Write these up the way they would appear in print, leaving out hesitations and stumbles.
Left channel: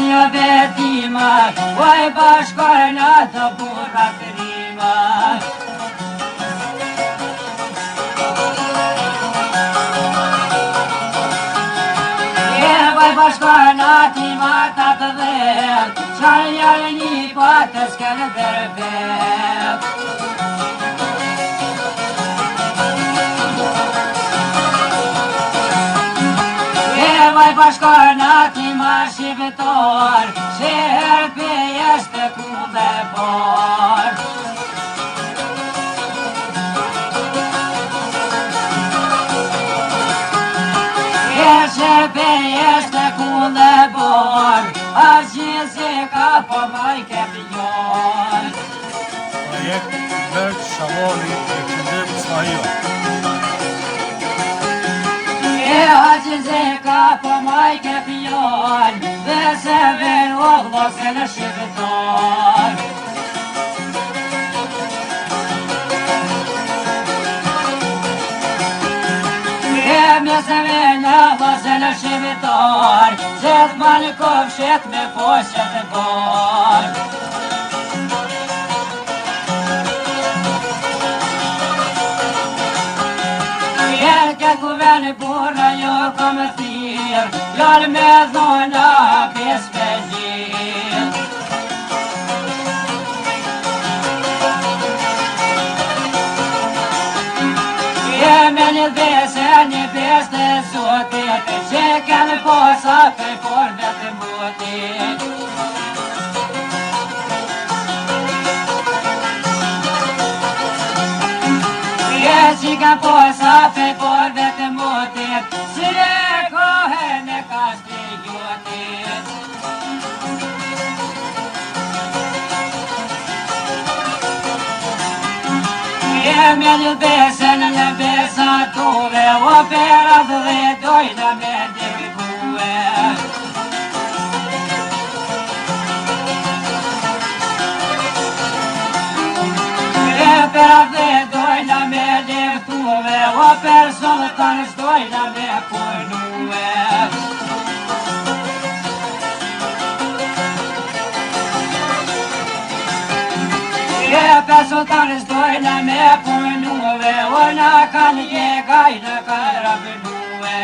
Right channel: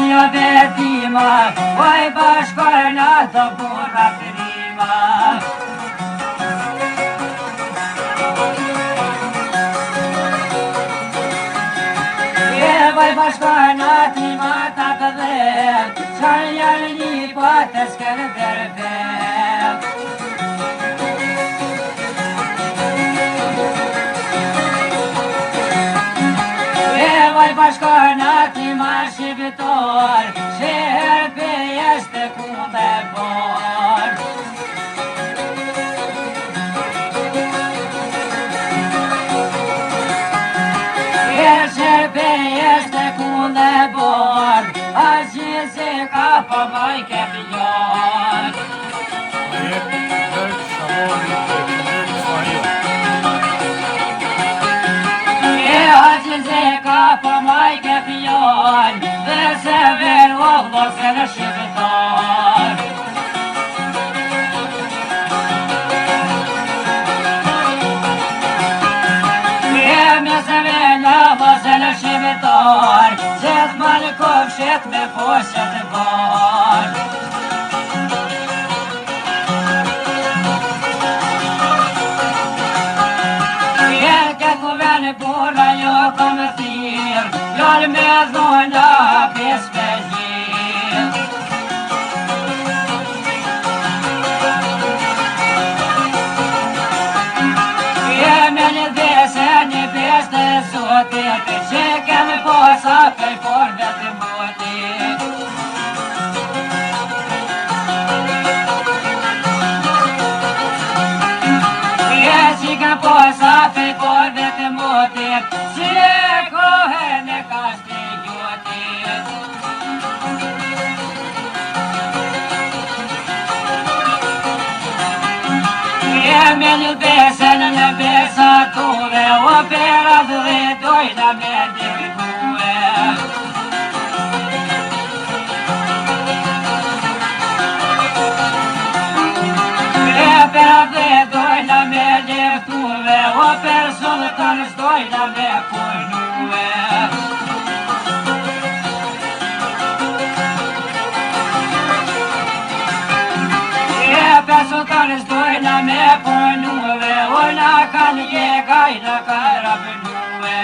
Asia betima, oj bashkojna të burrat rima. Oj bashkojna tima ta të vet, qaj janë një patës kërë dërvet. Oj bashkojna tima shqiptar, shërpe jeshte kunde par. Shërpe jeshte kunde par, a gjithse ka pa maj ke pjar. Projekt Berk Shamoli e Këndim Ismail. A gjithse ka pa maj ke pjar, dhe se ven o vlose në shqiptar. Gjithë banë kofshet me foshet e bar. Jenë këtë kuvene bura jo kam thirë, janë me dhona pes me gjirë. Jeme një dhese një pes të zotit, që kemë posa pej forve të motit. Që ke posa pej forve të motit, që e kohën e kashti gjotit. Jeme një besën në besatove, o pera dhe dojna me dirgue. Pera dhe dojna me dirgue, o personë të nësdojna me pojnue. Personë të nësdojna me pojnue, o na kanë jegaj në karabinue.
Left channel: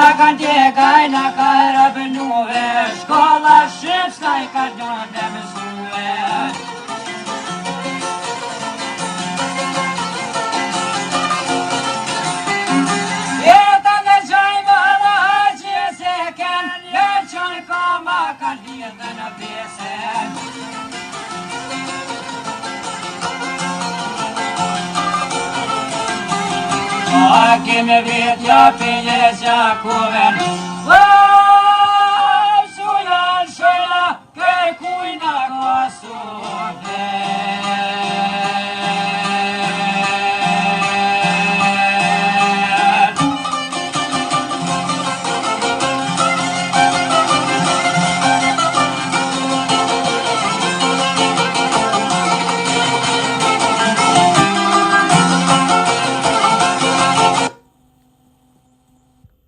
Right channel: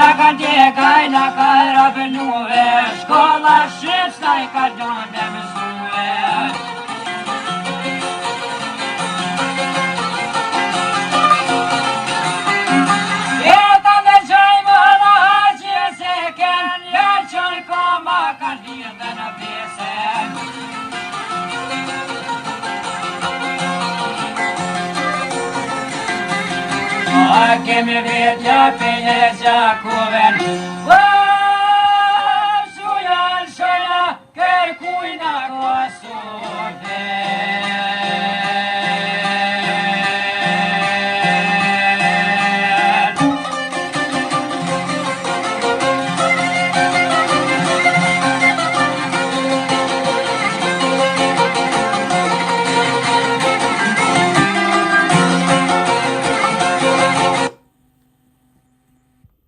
Na kanë jegaj në karabinue, shkolla shqipska I ka gjone mësue. Jeta me gjajmë hëlla haqje se ken, ja qënë koma kanë dhirë në pesen. A kemi vetja për një gjakoven,